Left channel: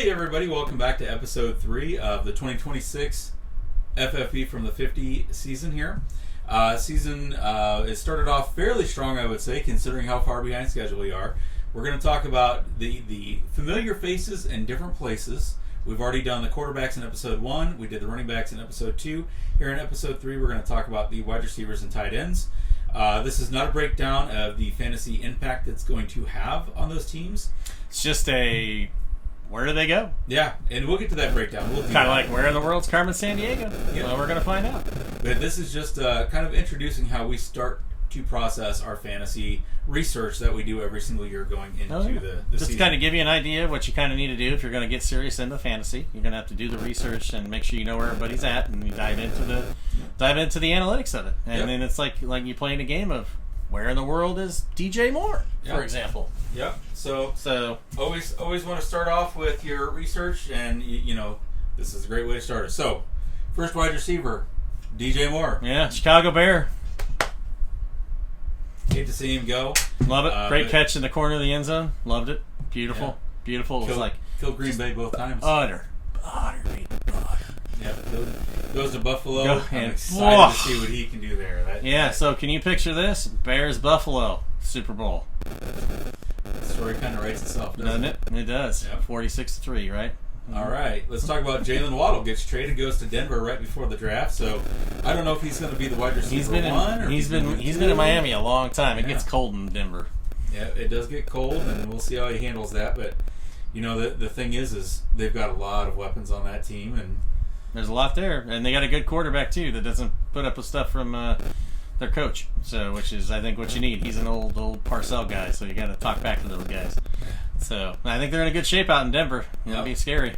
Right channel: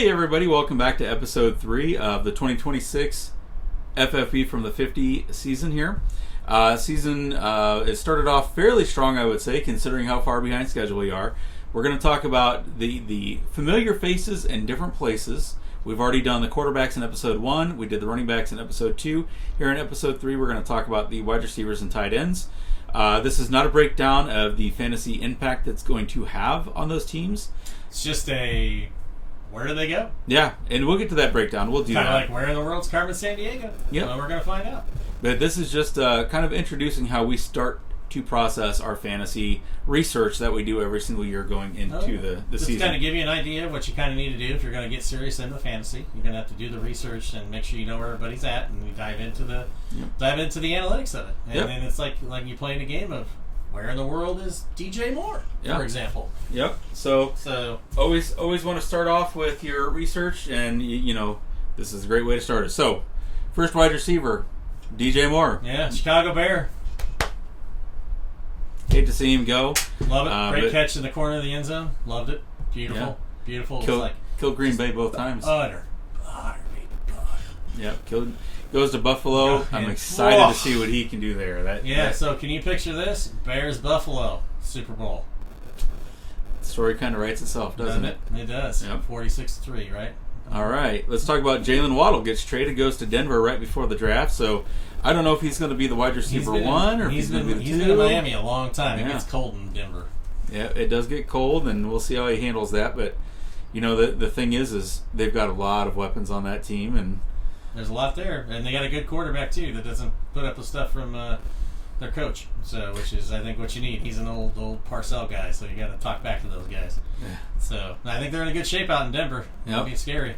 Hey everybody, welcome back to episode 3 of the 2026 FFB from the 50 season here. It started off fairly strong, I would say, considering how far behind schedule we are. We're going to talk about the familiar faces in different places. We've already done the quarterbacks in episode 1. We did the running backs in episode 2. Here in episode 3, we're going to talk about the wide receivers and tight ends. This is not a breakdown of the fantasy impact that's going to have on those teams. It's just where do they go? Yeah, and we'll get to that breakdown. We'll do kind of that. like where in the world's Carmen Sandiego? Yeah, well, we're going to find out. But this is just kind of introducing how we start to process our fantasy research that we do every single year going into the just season. Just kind of give you an idea of what you kind of need to do if you're going to get serious into fantasy. You're going to have to do the research and make sure you know where everybody's at, and you dive into the analytics of it. And then it's like you playing a game of where in the world is DJ Moore, for example. Yep. So always want to start off with your research, and you know this is a great way to start it. So first wide receiver, DJ Moore. Yeah, Chicago Bear. Hate to see him go. Love it. Great catch in the corner of the end zone. Loved it. Beautiful. Yeah. Beautiful. Killed Green Bay both times. Butter. Yeah. Goes to Buffalo. I'm excited to see what he can do there. So can you picture this? Bears Buffalo Super Bowl. The story kind of writes itself, doesn't it? It does. Yep. 46-3, right? All right, let's talk about Jalen Waddle. Gets traded, goes to Denver right before the draft. So I don't know if he's going to be the wide receiver one or he's been in Miami a long time. It gets cold in Denver. Yeah, it does get cold, and we'll see how he handles that. But you know, the thing is they've got a lot of weapons on that team, and there's a lot there, and they got a good quarterback too that doesn't put up with stuff from their coach. So, which is I think what you need. He's an old Parcell guy, so you got to talk back to those guys. Yeah. So I think they're in a good shape out in Denver. It'll be scary.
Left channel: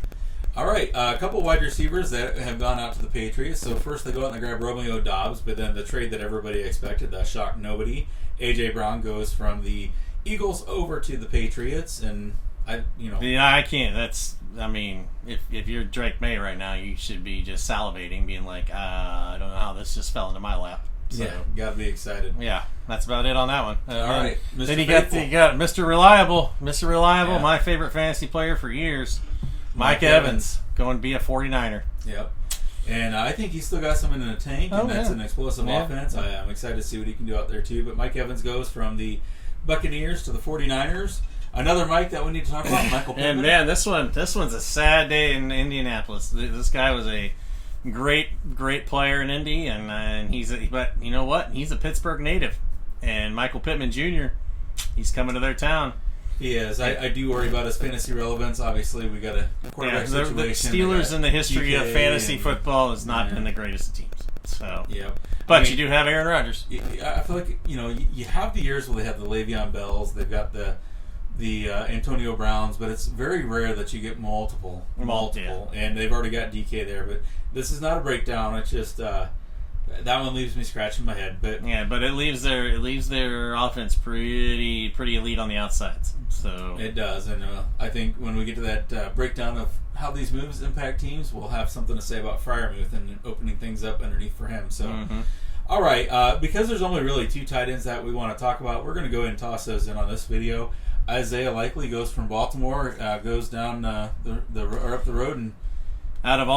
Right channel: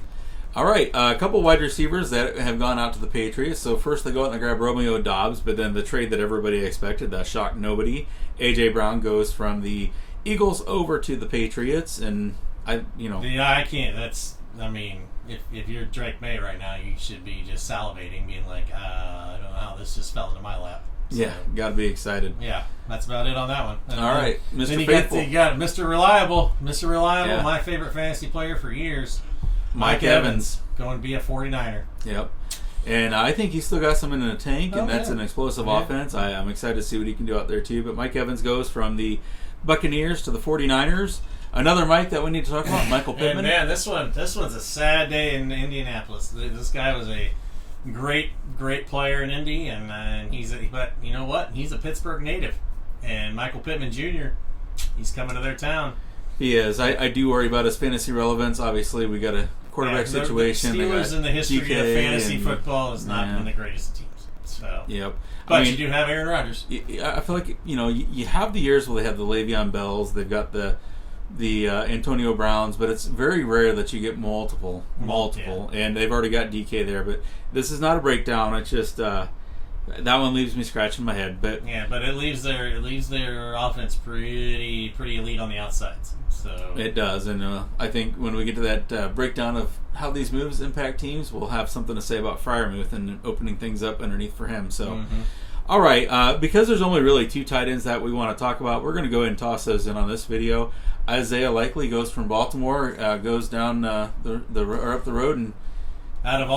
All right, a couple wide receivers that have gone out to the Patriots. So first they go out and they grab Romeo Doubs, but then the trade that everybody expected, that shocked nobody. A.J. Brown goes from the Eagles over to the Patriots, and I can't. If you're Drake May right now, you should be just salivating, being like, I don't know how this just fell into my lap. So, yeah, gotta be excited. Yeah, that's about it on that one. And all right, Mr. Then you Faithful. got Mr. Reliable, my favorite fantasy player for years, Mike Evans, going to be a 49er. Yep. And I think he's still got some in the tank, and that's an explosive offense. I'm excited to see what he can do out there, too. But Mike Evans goes from the Buccaneers to the 49ers. Another Mike that we need to talk about, Michael Pittman. And man, this one's a sad day in Indianapolis. This guy was a great player in Indy, but you know what? He's a Pittsburgh native. And Michael Pittman Jr., he's coming to their town. He is. I do worry about his fantasy relevance. Obviously, we got a quarterback situation. The Steelers in the history of fantasy football has not been the greatest teams. So, but you do have Aaron Rodgers. I feel like you have the years where they have the Le'Veon Bells. They've got the Antonio Browns, but it's very rare that you get multiple, and they've already got DK there. But this is not a breakdown. It's just that one leaves me scratching my head. But but it leaves their offense pretty elite on the outsides. So it does, and I think when we get to that breakdown of how these moves impact teams, we'll have something to say about Freiermuth and opening things up underneath for him. So. All right, because there's only really 2 tight ends that we want to talk about, we're going to go ahead and toss those in on this video. Isaiah Likely goes from Baltimore, goes down up the road, and about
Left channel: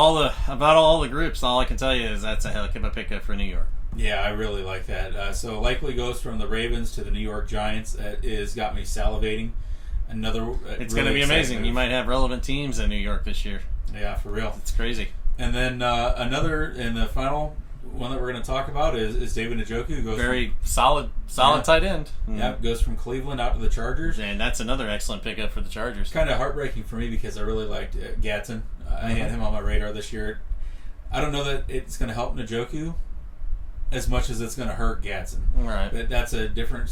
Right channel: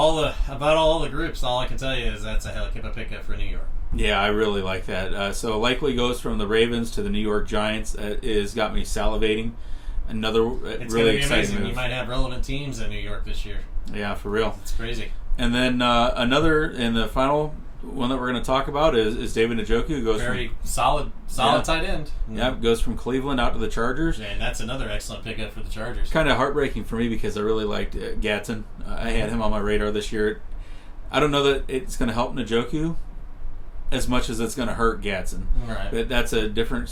all the groups, all I can tell you is that's a heck of a pickup for New York. Yeah, I really like that. So Likely goes from the Ravens to the New York Giants. It has got me salivating. It's really going to be amazing. Move. You might have relevant teams in New York this year. Yeah, for real. It's crazy. And then another, and the final one that we're going to talk about is David Njoku. Goes very solid tight end. Yeah, goes from Cleveland out to the Chargers. And that's another excellent pickup for the Chargers. Kind of heartbreaking for me because I really liked Gatson. I had him on my radar this year. I don't know that it's going to help Njoku as much as it's going to hurt Gatson. Right. But that's a different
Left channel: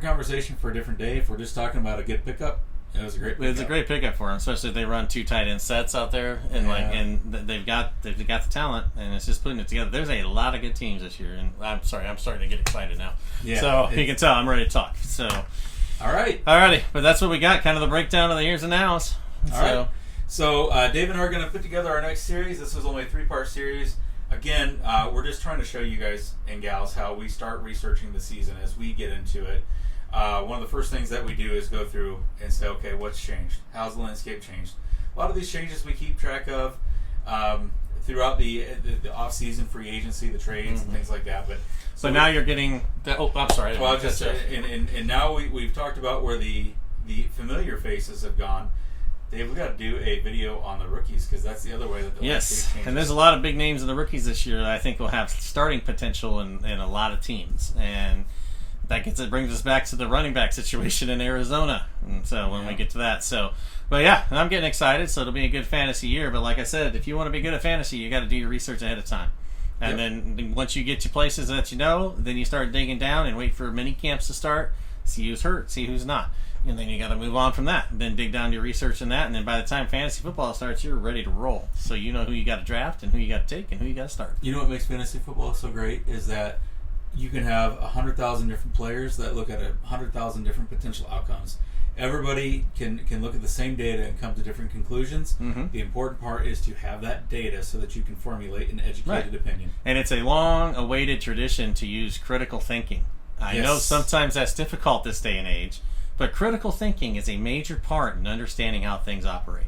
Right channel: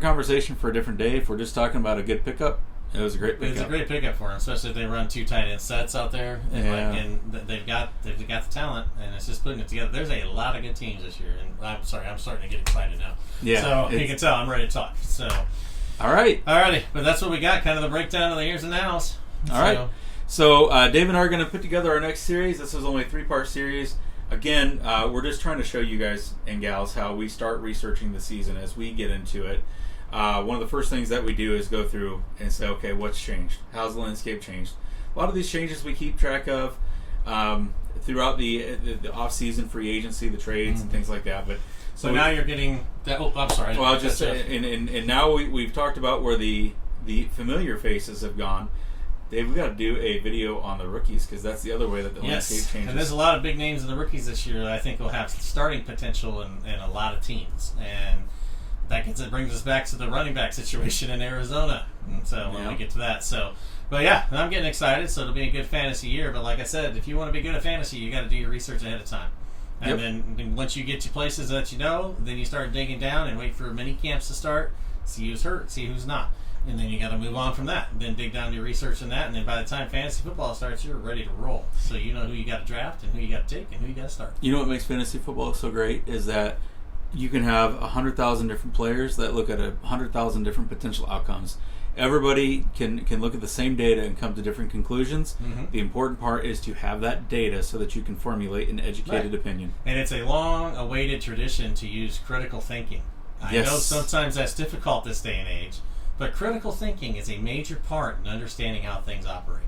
conversation for a different day. If we're just talking about a good pickup, it was a great pickup. It's a great pickup for him, especially if they run 2 tight end sets out there, and they've got the talent, and it's just putting it together. There's a lot of good teams this year, and I'm starting to get excited now. Yeah, so you can tell I'm ready to talk. So, alrighty, but that's what we got. Kind of the breakdown of the years and nows. All right. So Dave and I are going to put together our next series. This is only a 3-part series. Again, we're just trying to show you guys and gals how we start researching the season as we get into it. One of the first things that we do is go through and say, okay, what's changed? How's the landscape changed? a lot of these changes we keep track of throughout the off-season free agency, the trades, and things like that. So now you're getting that. Oh, I'm sorry. Well, and now we've talked about where the familiar faces have gone. Dave, we've got to do a video on the rookies because that's the other way that the landscape changes. And there's a lot of big names in the rookies this year that I think will have starting potential in a lot of teams. And that brings us back to the running back situation in Arizona. And so when we get to that. So, but yeah, and I'm getting excited. So it'll be a good fantasy year. But like I said, if you want to be good at fantasy, you got to do your research ahead of time. And then once you get to places that you know, then you start digging down and wait for mini camps to start. See who's hurt, see who's not. And then you got to move on from that. Then dig down your research in that. And then by the time fantasy football starts, you're ready to roll. So you know who you got to draft and who you got to take and who you got to start. You know what makes fantasy football so great is that you can have 100,000 different players that look at 100,000 different potential outcomes. Everybody can look at the same data and come to different conclusions. Mm-hmm. The important part is to have that data so that you can formulate an educated opinion. And it's a long-awaited tradition to use critical thinking. I know sometimes that's difficult this day and age, but critical thinking is a major part in understanding how things operate.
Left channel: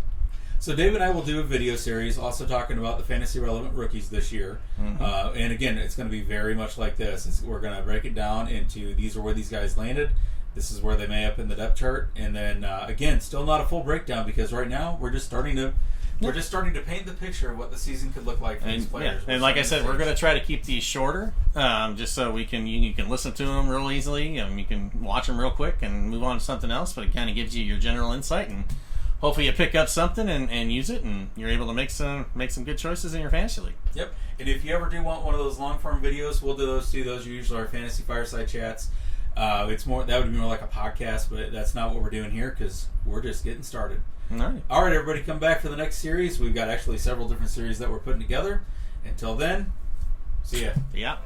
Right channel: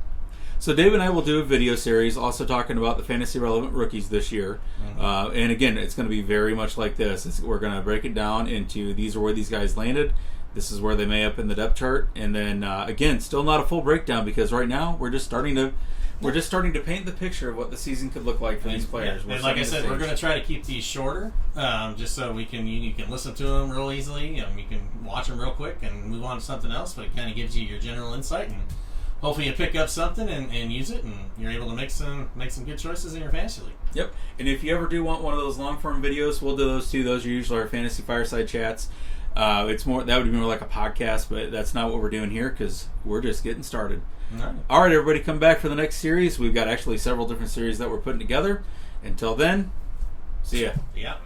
So Dave and I will do a video series also talking about the fantasy relevant rookies this year. Mm-hmm. And again, it's going to be very much like this. We're going to break it down into these are where these guys landed. This is where they may up in the depth chart. And then again, still not a full breakdown because right now we're just starting to paint the picture of what the season could look like for these players. And like I said, we're going to try to keep these shorter, just so you can listen to them real easily. You can watch them real quick and move on to something else. But it kind of gives you your general insight, and hopefully you pick up something and use it, and you're able to make some good choices in your fantasy league. Yep. And if you ever do want one of those long form videos, we'll do those too. Those are usually our fantasy fireside chats. That would be more like a podcast, but that's not what we're doing here because we're just getting started. All right, everybody, come back for the next series. We've got actually several different series that we're putting together. Until then, see ya. Yeah.